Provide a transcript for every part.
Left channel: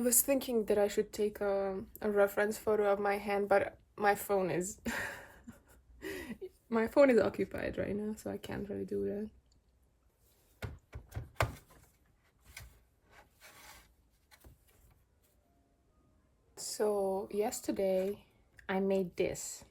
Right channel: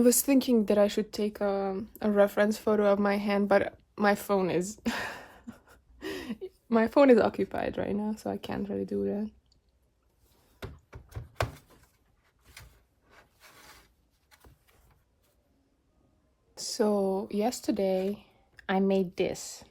I was thinking that I should take a reference photo of my hand, but my phone is my phone is occupied right now, so I can't really do that. So yesterday I made this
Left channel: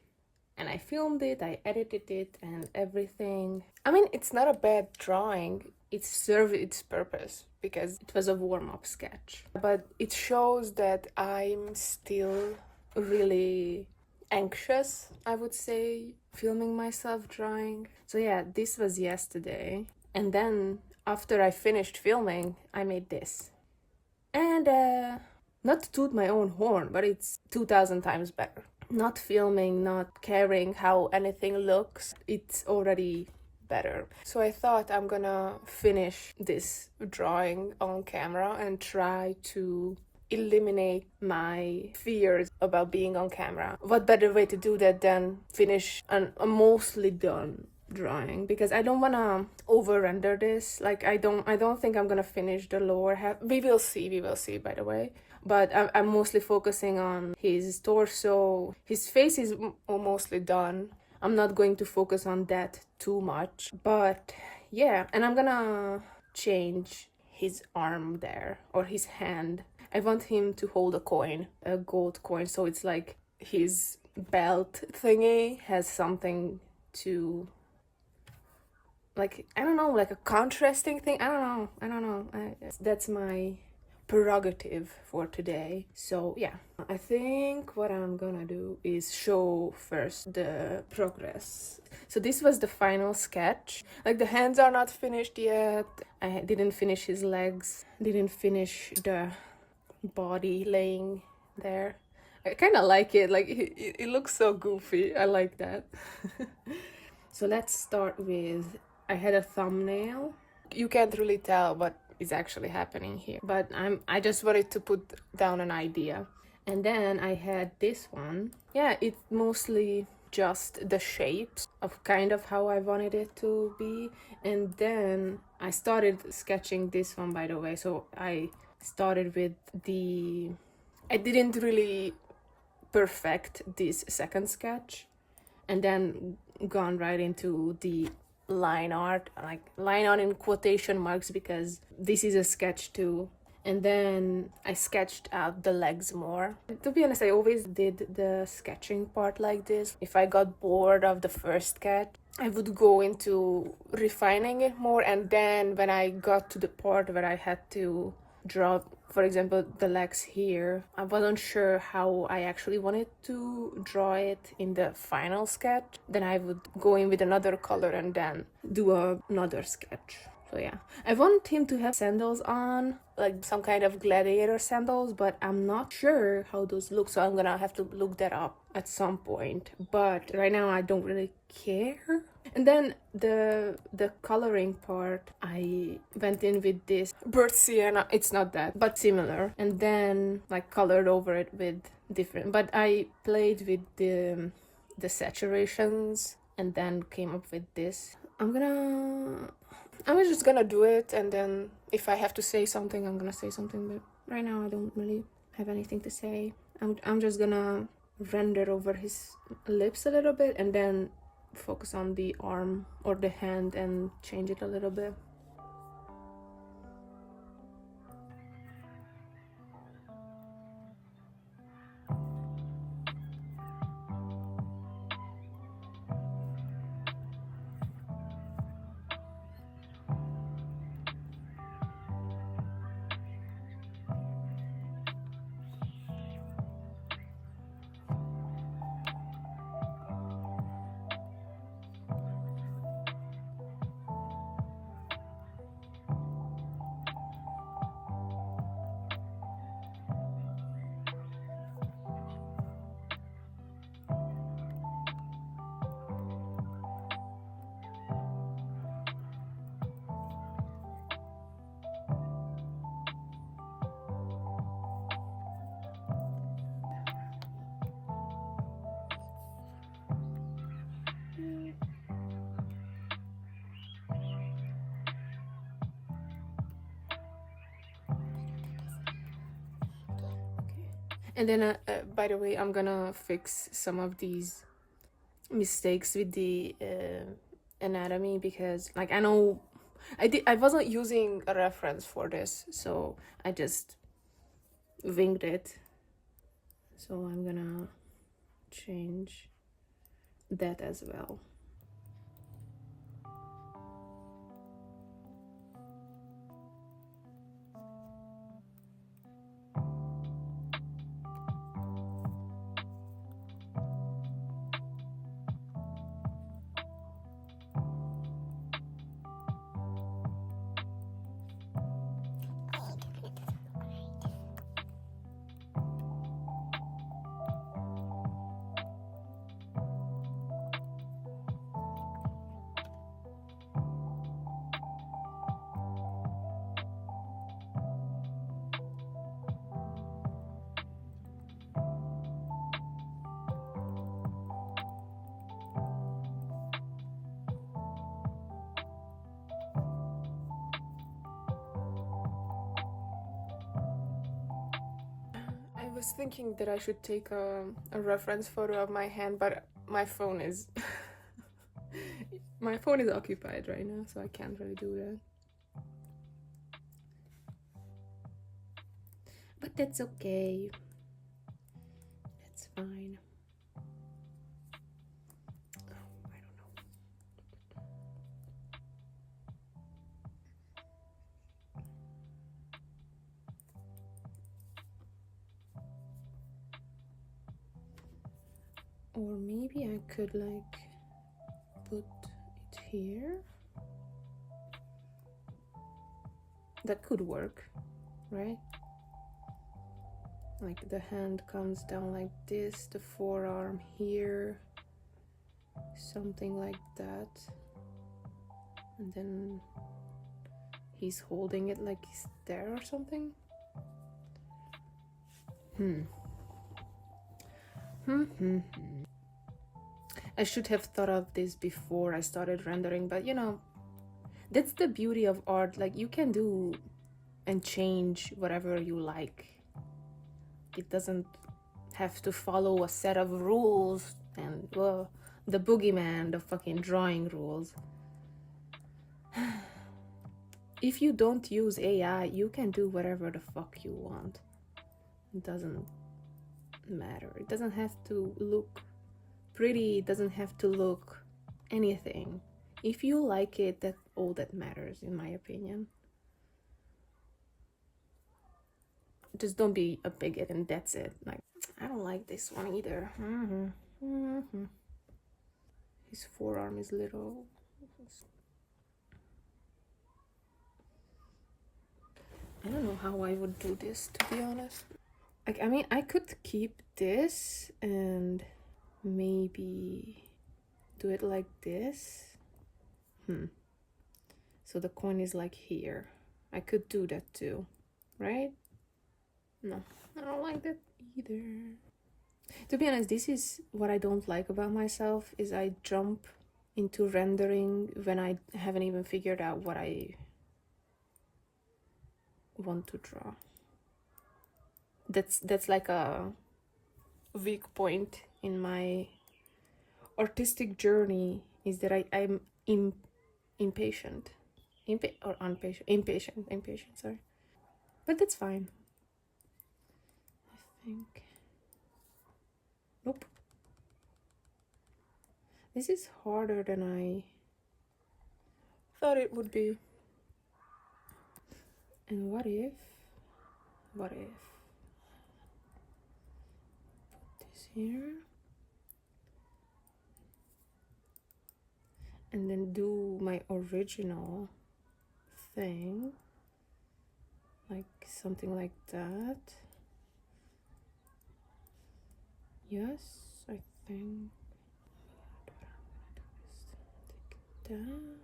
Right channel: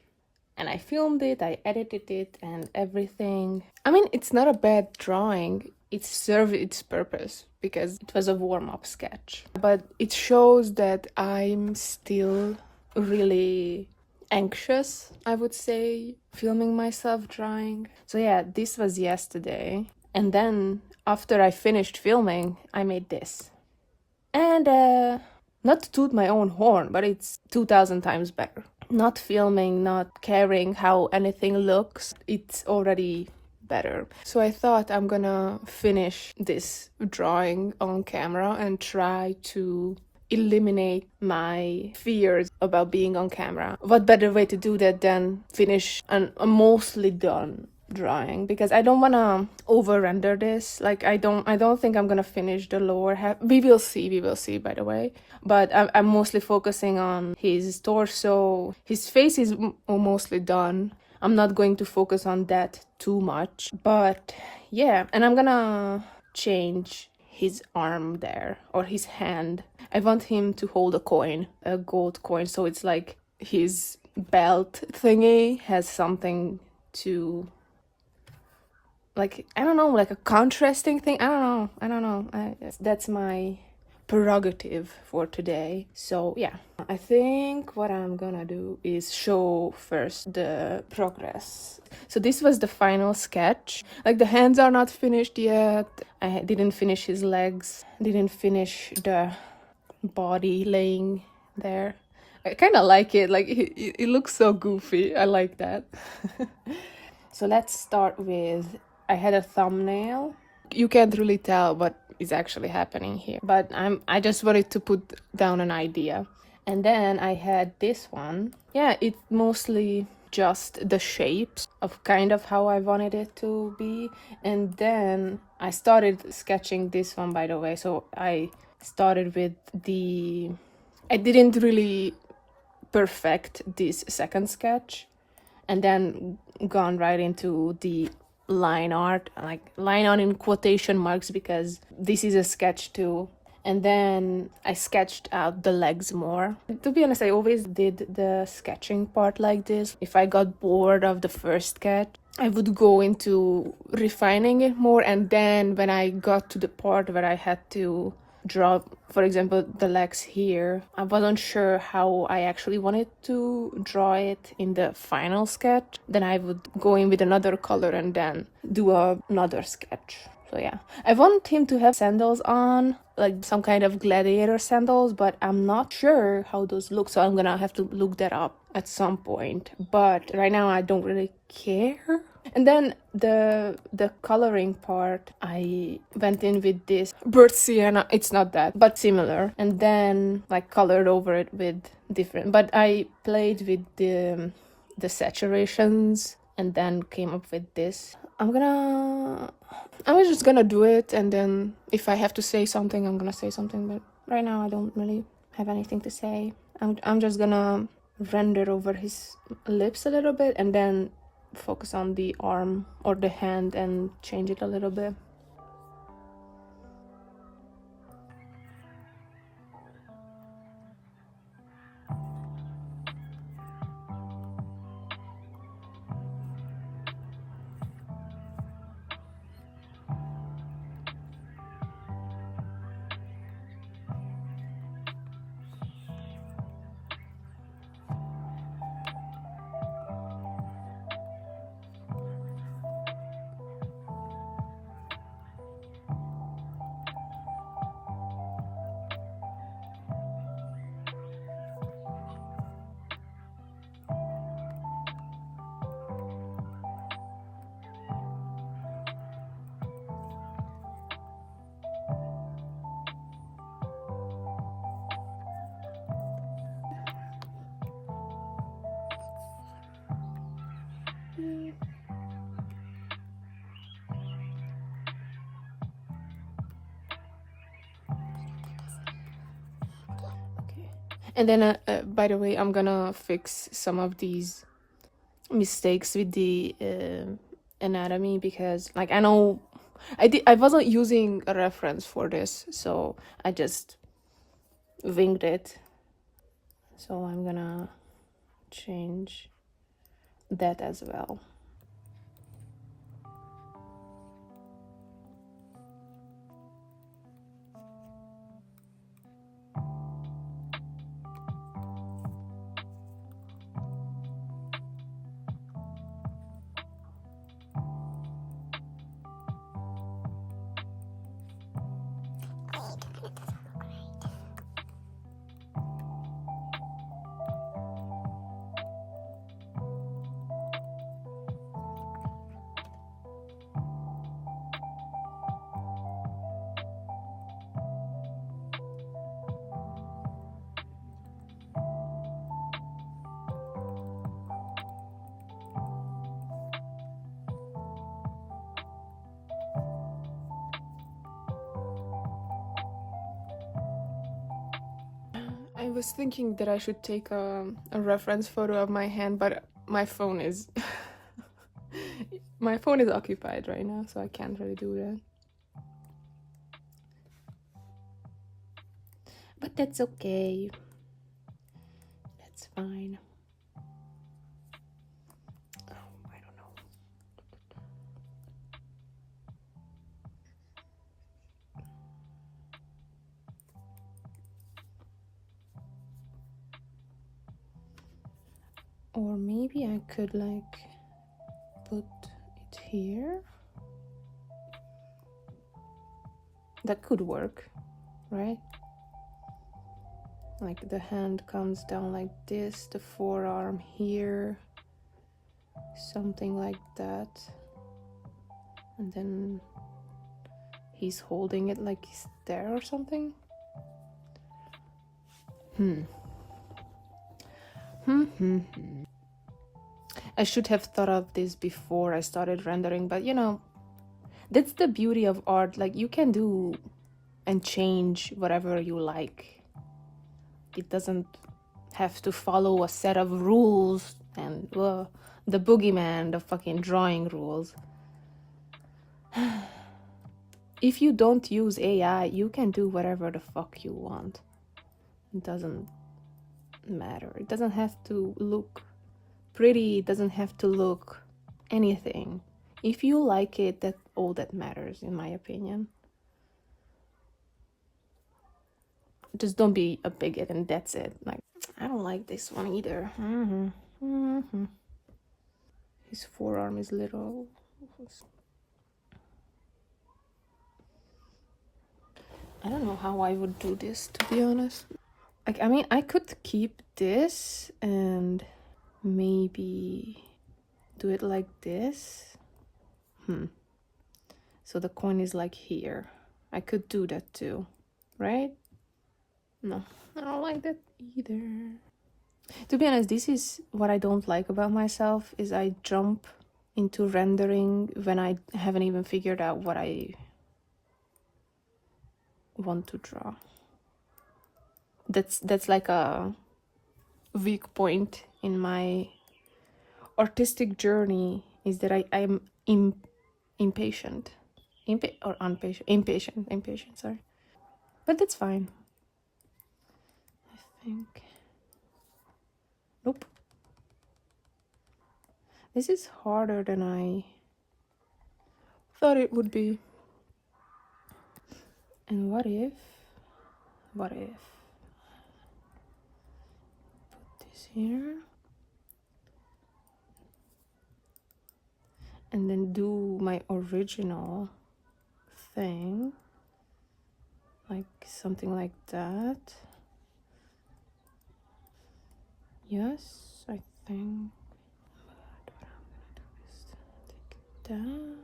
and I filmed it, I edited it and everything. I mean, it's not a bad drawing. It served its purpose because it was a warm-up sketch. But it shows that I'm still really anxious, I would say, filming myself drawing. So yeah, this was yesterday. And then after I finished filming, I made this. And not to toot my own horn, but it's 2,000 times better. Not filming, not caring how anything looks, it's already better. So I thought I'm gonna finish this drawing on camera and try to eliminate my fears about being on camera. What better way to do that than finish a mostly done drawing, because I don't want to over render this. Like I don't think I'm gonna finish the lower half. We will see, by the way. But I'm mostly focusing on his torso. His face is mostly done. I'm not going to focus on that too much, but yeah. And I'm gonna change his arm there, or his hand. I want him to hold a coin, a gold coin, so it's like his belt thingy has something to, like, I don't know, like a contrasting thing. I don't know. That's my prerogative for today. So yeah, I think what I'm gonna do is show first the progress. So this was the final sketch. Like, the hands are not finished yet. I didn't finish his legs, didn't finish the body laying there. I kind of like it. Like, it looks so goofy. I like that. So let's start with, I had a thumbnail. You can't really tell what is actually happening here, but I just wanted to put down an idea. And then I had this one. Yeah, it's mostly just the shapes of kind of how I wanted it to be. And then I started sketching this one, by the way. So I started with I didn't really perfect this second sketch, and then gone right into the line art, like line art in quotation marks, because this is a sketch too. And then I sketched out the legs more. To be honest, I always did the sketching part like this. If I got bored of the first sketch, I would go into refining it more, and then when I got to the part where I had to draw, for example, the legs here, I wasn't sure how I actually wanted to draw it in the final sketch. Then I would go in with another color and then do another sketch. So yeah, I want him to have sandals on, like some kind of gladiator sandals, but I'm not sure how those look, so I'm gonna have to look that up at some point. But right now I don't really care. And then the coloring part, I went in with this burnt sienna. It's not that, but similar. And then like colored over it with different, but I played with the saturations and then came up with this. I was just gonna do it, and then if I have to say something, I'm gonna say something, but right now I don't really have anything to say. I'm just gonna render over his lips a little bit and then focus on the arm or the hand and change it a little bit. And then, by the way, I'm gonna fix some of these mistakes with the anatomy, because like I know I wasn't using a reference for this, so I just winged it. So I'm gonna change that as well. I was thinking that I should take a reference photo of my hand, but my phone is my phone is occupied right now, so I can't really do that. But that's okay. That's fine. Oh, I don't know. Or maybe I could like put it here. That could work, right? Like the hand comes down like this, the forearm here, something like that. And then he's holding it like he's there or something. I should have thought of this before I started rendering, but you know, that's the beauty of art. Like you can do and change whatever you like. It doesn't have to follow a set of rules and the boogeyman, the fucking drawing rules. If you don't use AI, you can do whatever the fuck you want. It doesn't matter. It doesn't have to look pretty. It doesn't have to look anything. If you like it, that's all that matters, in my opinion. Just don't be a bigot and that's it. Like, I don't like this one either. His forearm is little. I don't know how I would do this, to be honest. Like, I mean, I could keep this and maybe do it like this. So the coin is like here. I could do that too, right? No, I don't like that either. To be honest, this is what I don't like about myself, is I jump into rendering when I haven't even figured out what I want to draw. That's like a weak point in my artistic journey, is that I'm impatient. Impatient, sorry. But that's fine. I think. Nope. This is harder than I thought it would be. And what if put this here and then do my original thing, like something like that. Yes, I think. But what I'm gonna do is take that.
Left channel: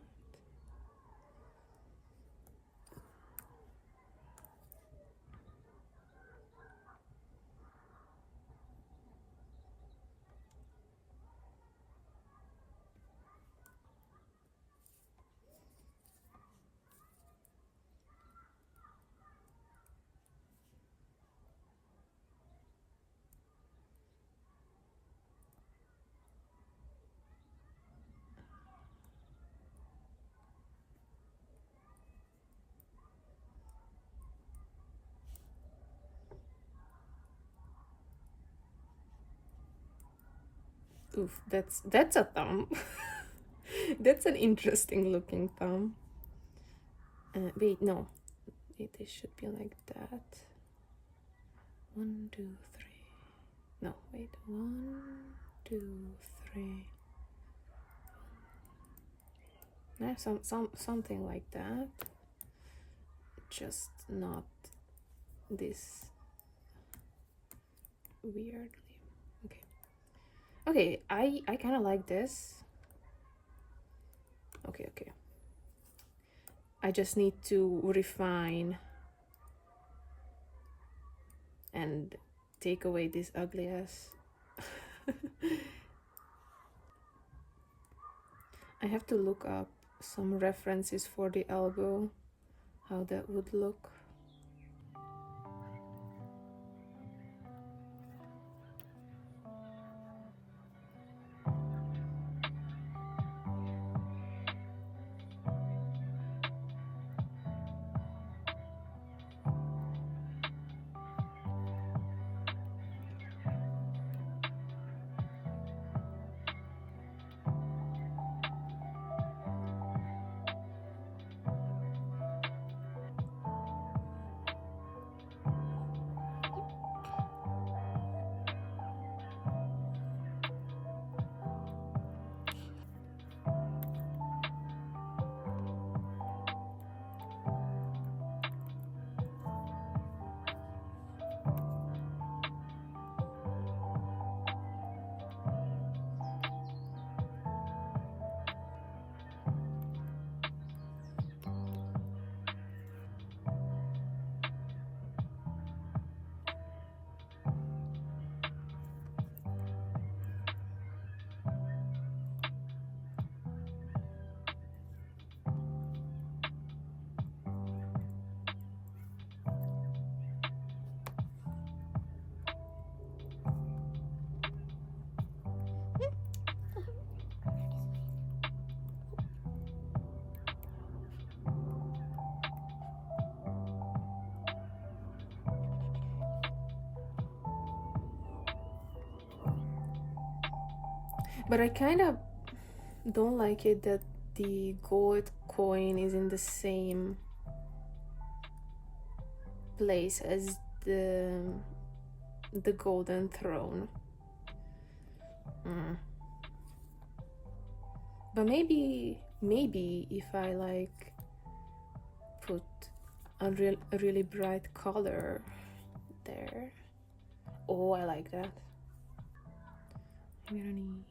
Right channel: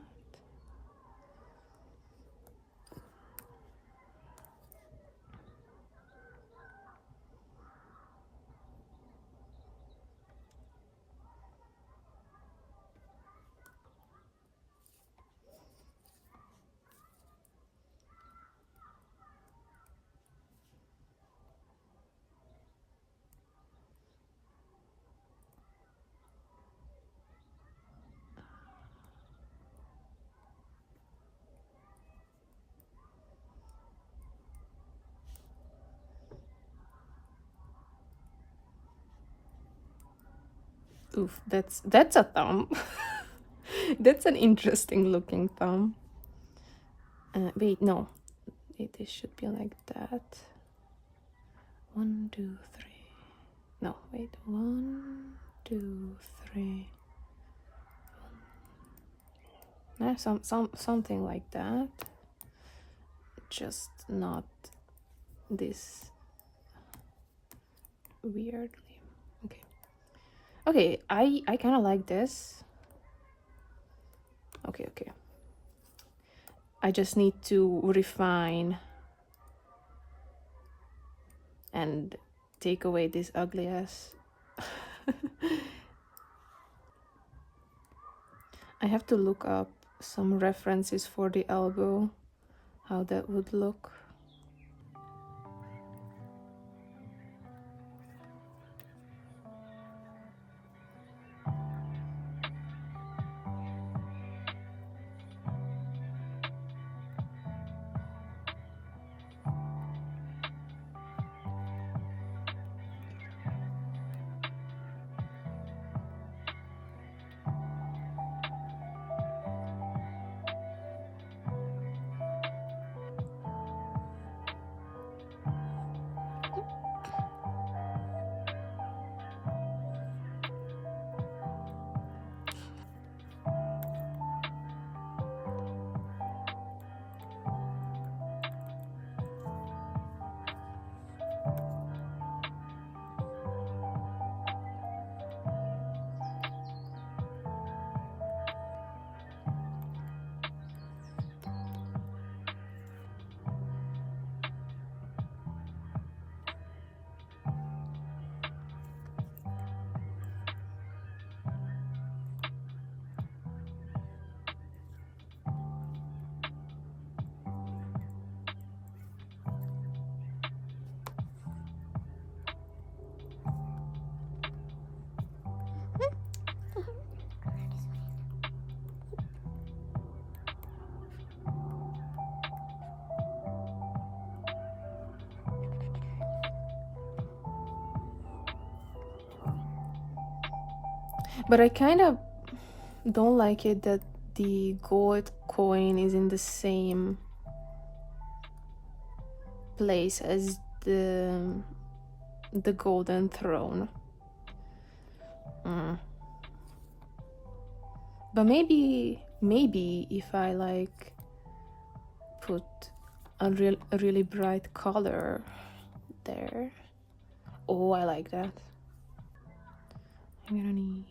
Oof, that's a thumb. That's an interesting looking thumb. Wait, no. It should be like that. 1, 2, 3. No, wait. 1, 2, 3. No, something like that. Just not this weirdly. Okay. Okay, I kind of like this. Okay. I just need to refine and take away this ugly ass. I have to look up some references for the elbow, how that would look. But I kind of don't like it that the gold coin is in the same place as the golden throne. But maybe if I like put a really bright color there. Oh, I like that. I'm gonna need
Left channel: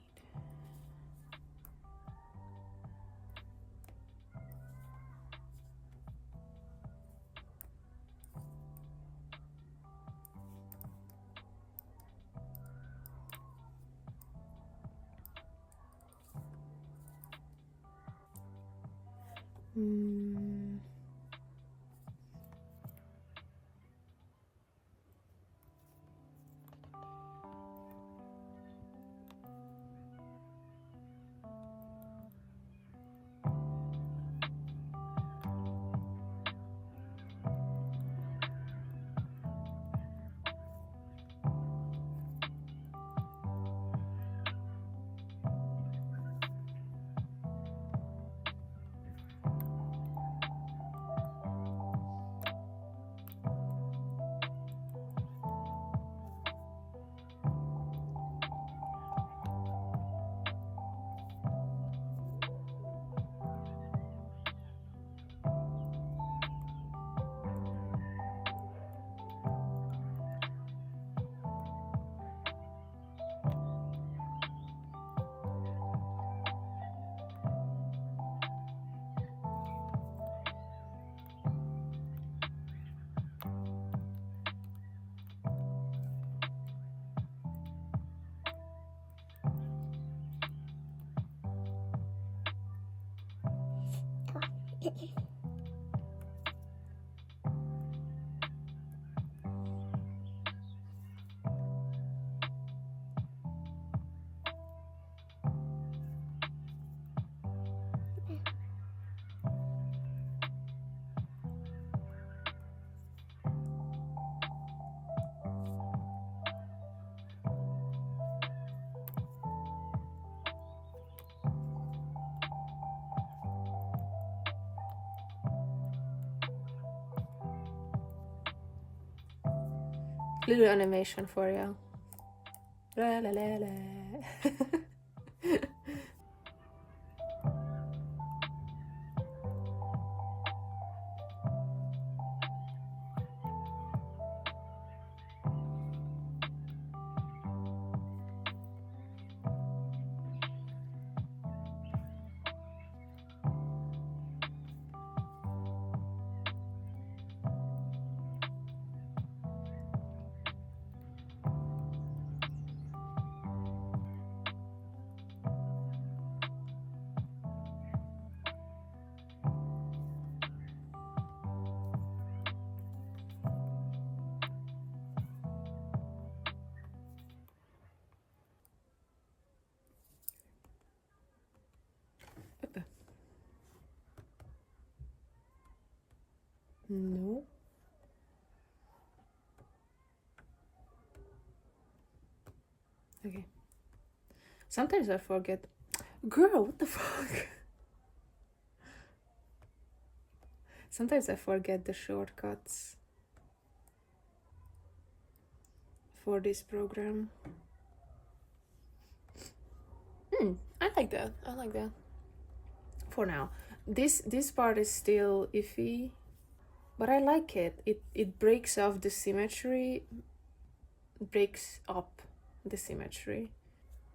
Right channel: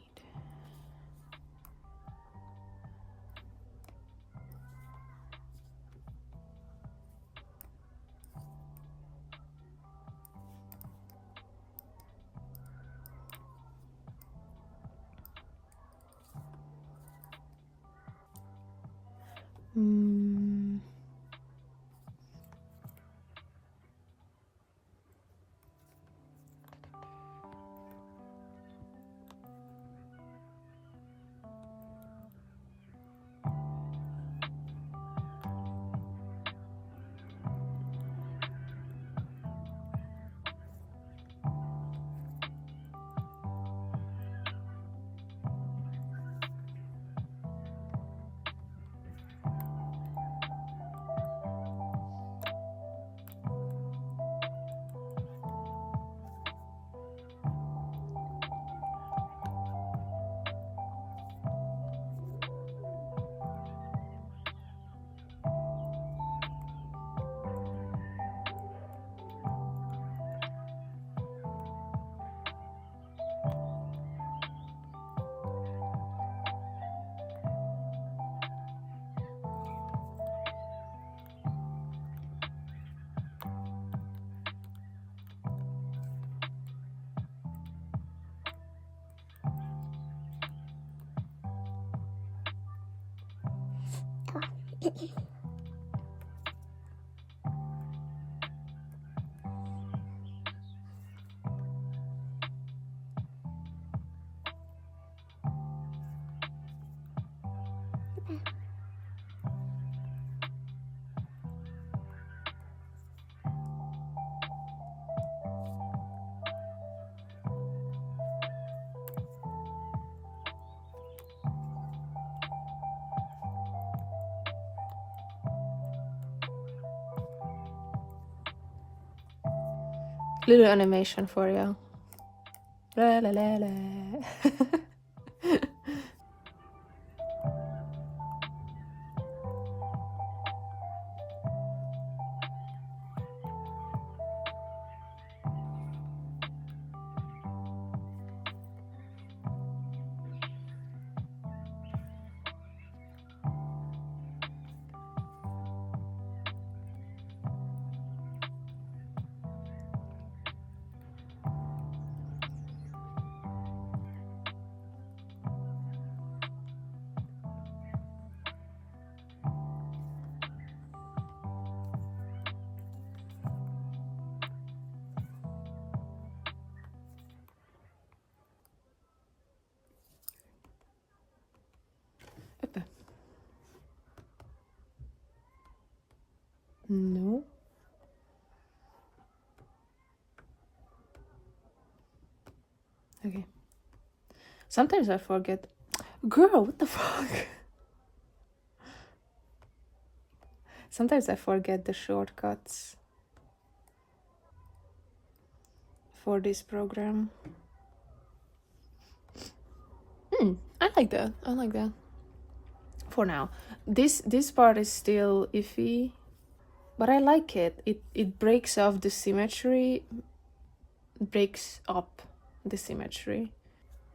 Little animation for you. La la la la. No. Okay. Sometimes I forget. Girl, what the fuck? Sometimes I forget the shortcuts for this program. I like that. I like that. For now. This part is still iffy, but I like it. It breaks off the symmetry, breaks up the symmetry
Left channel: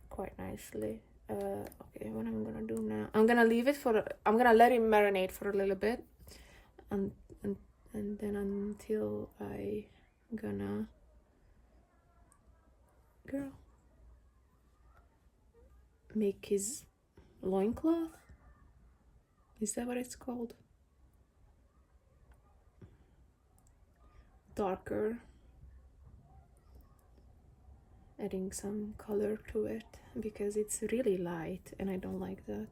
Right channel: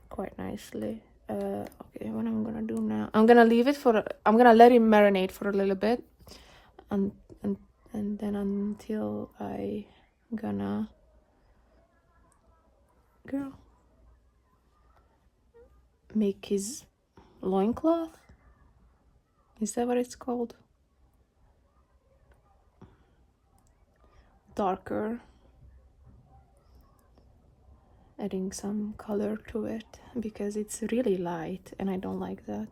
quite nicely. Okay, what I'm gonna do now, I'm gonna leave it for, I'm gonna let it marinate for a little bit, and then until I gonna, girl, make his loincloth. Is that what it's called? Darker, adding some color to it because it's really light and I don't like that.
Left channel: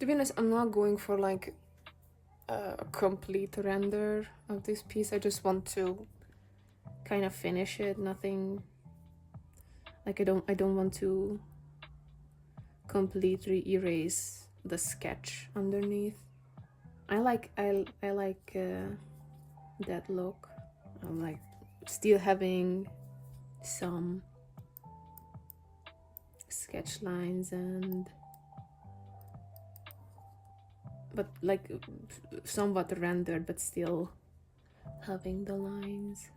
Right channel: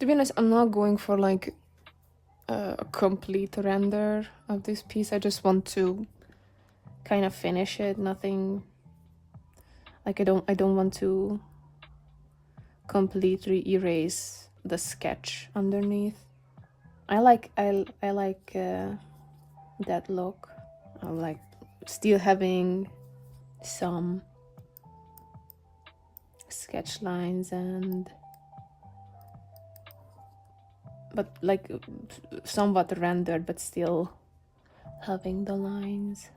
To be honest, I'm not going for like a complete render of this piece. I just want to kind of finish it. Nothing like I don't want to completely erase the sketch underneath. I like that look. I like still having some sketch lines and but like somewhat rendered, but still having the lines.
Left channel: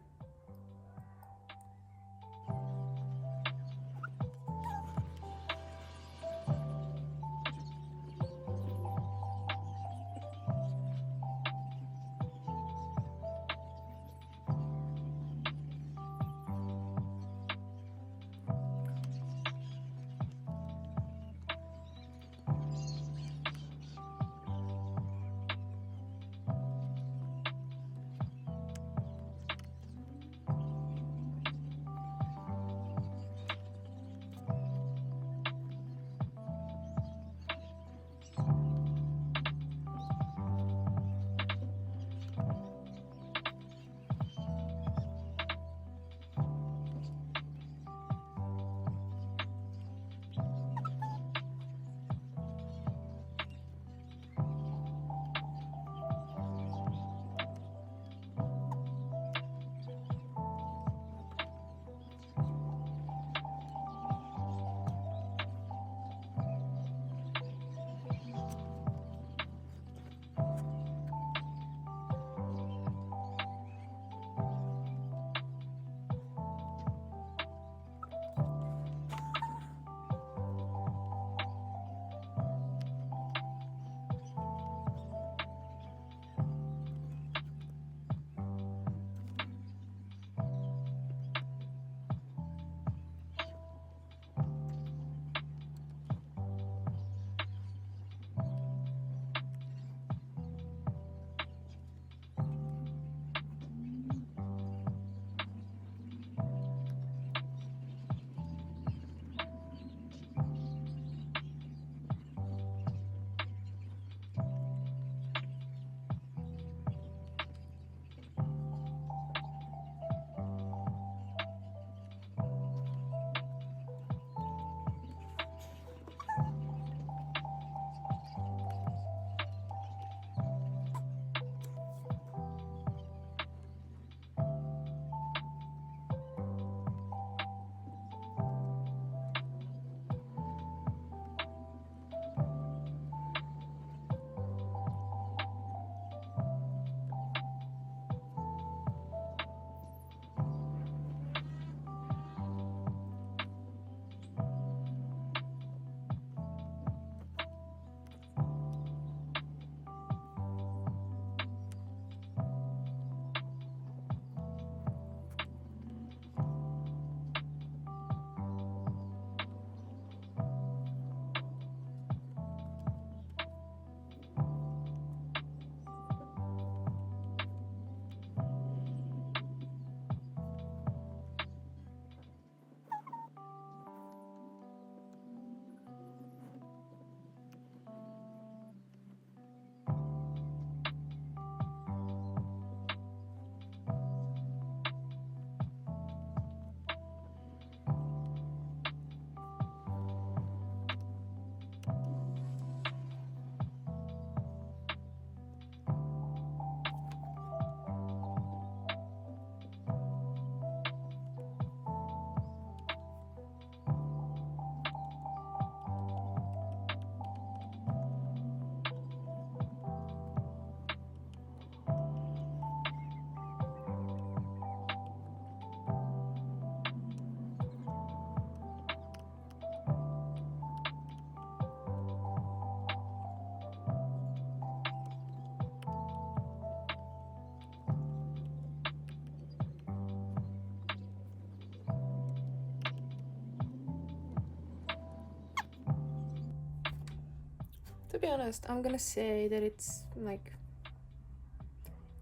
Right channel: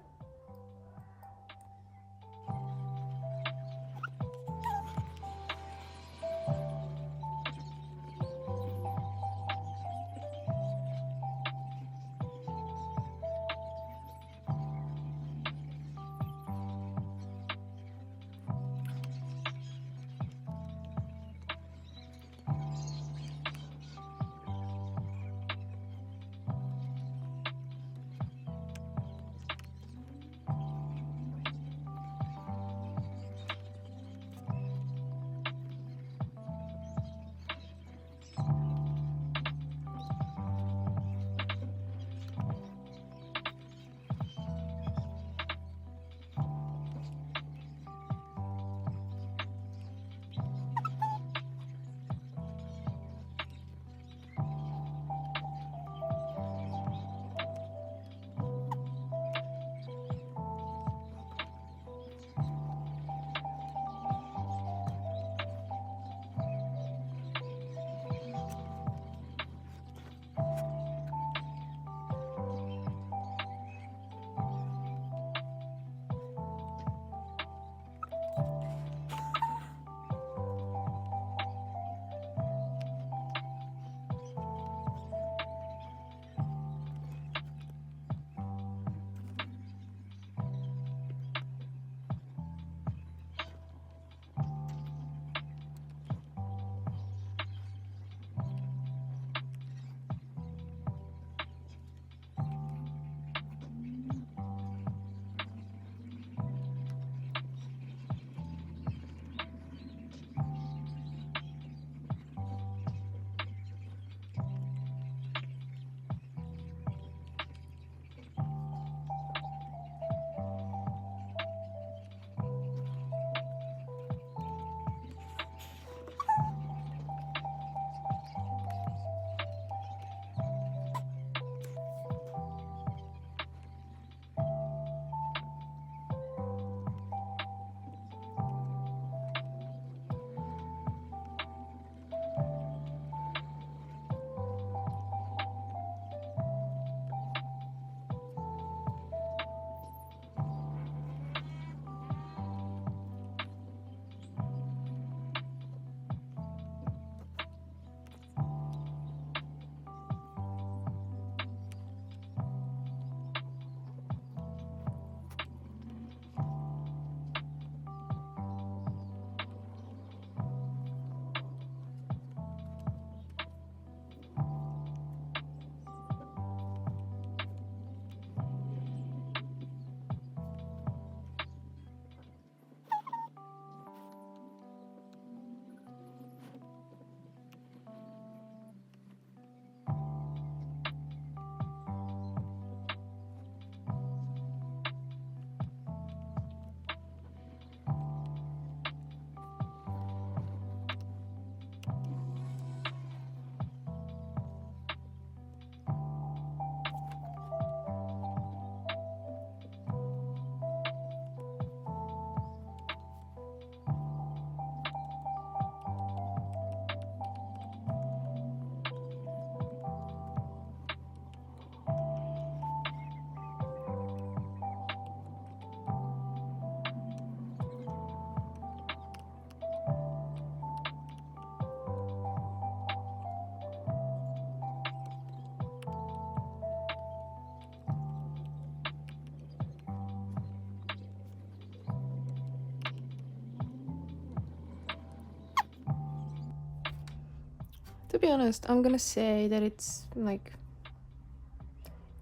To be honest, I'm gonna say that it's like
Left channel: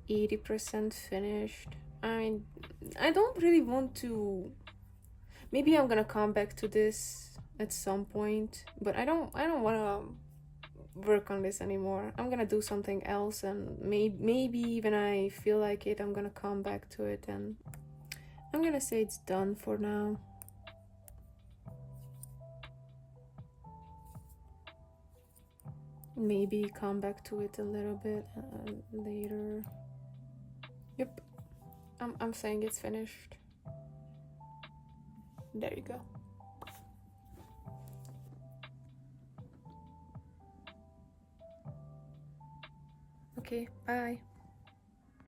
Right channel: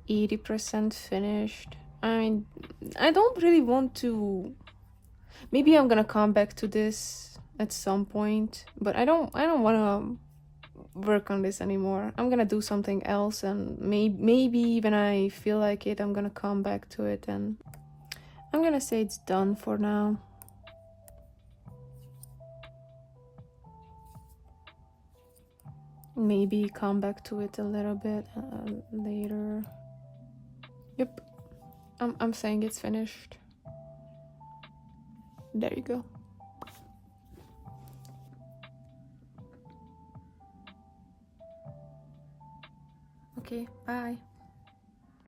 80% finished. I don't really want to. Maybe I'm gonna come back to this at some point, but I don't want to work on this anymore. I'm gonna do something else, and maybe when I feel like it, I'm gonna come back to it, and I'm gonna say it's done for now. Maybe come back to it a little bit later. Yep, I'm saying it's finished. There you go. Okay, bye.